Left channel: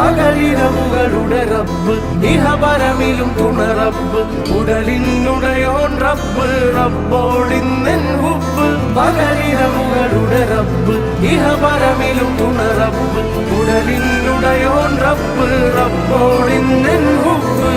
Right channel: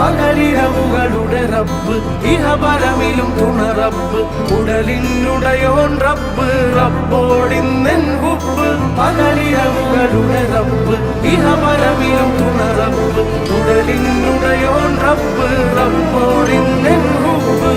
പകലിരവുകളുടെ റബ്ബ് ഇഹപരമിലും തുണ റബ്ബ് ഉടലിനുടയോൻ റബ്ബ് റബ്ബോടിന്നെൻ ഹുബ്ബ് പകലിരവുകളുടെ റബ്ബ് ഇഹപരമിലും തുണ റബ്ബ് ഉടലിനുടയോൻ റബ്ബ് റബ്ബോടിന്നെൻ ഹുബ്ബ്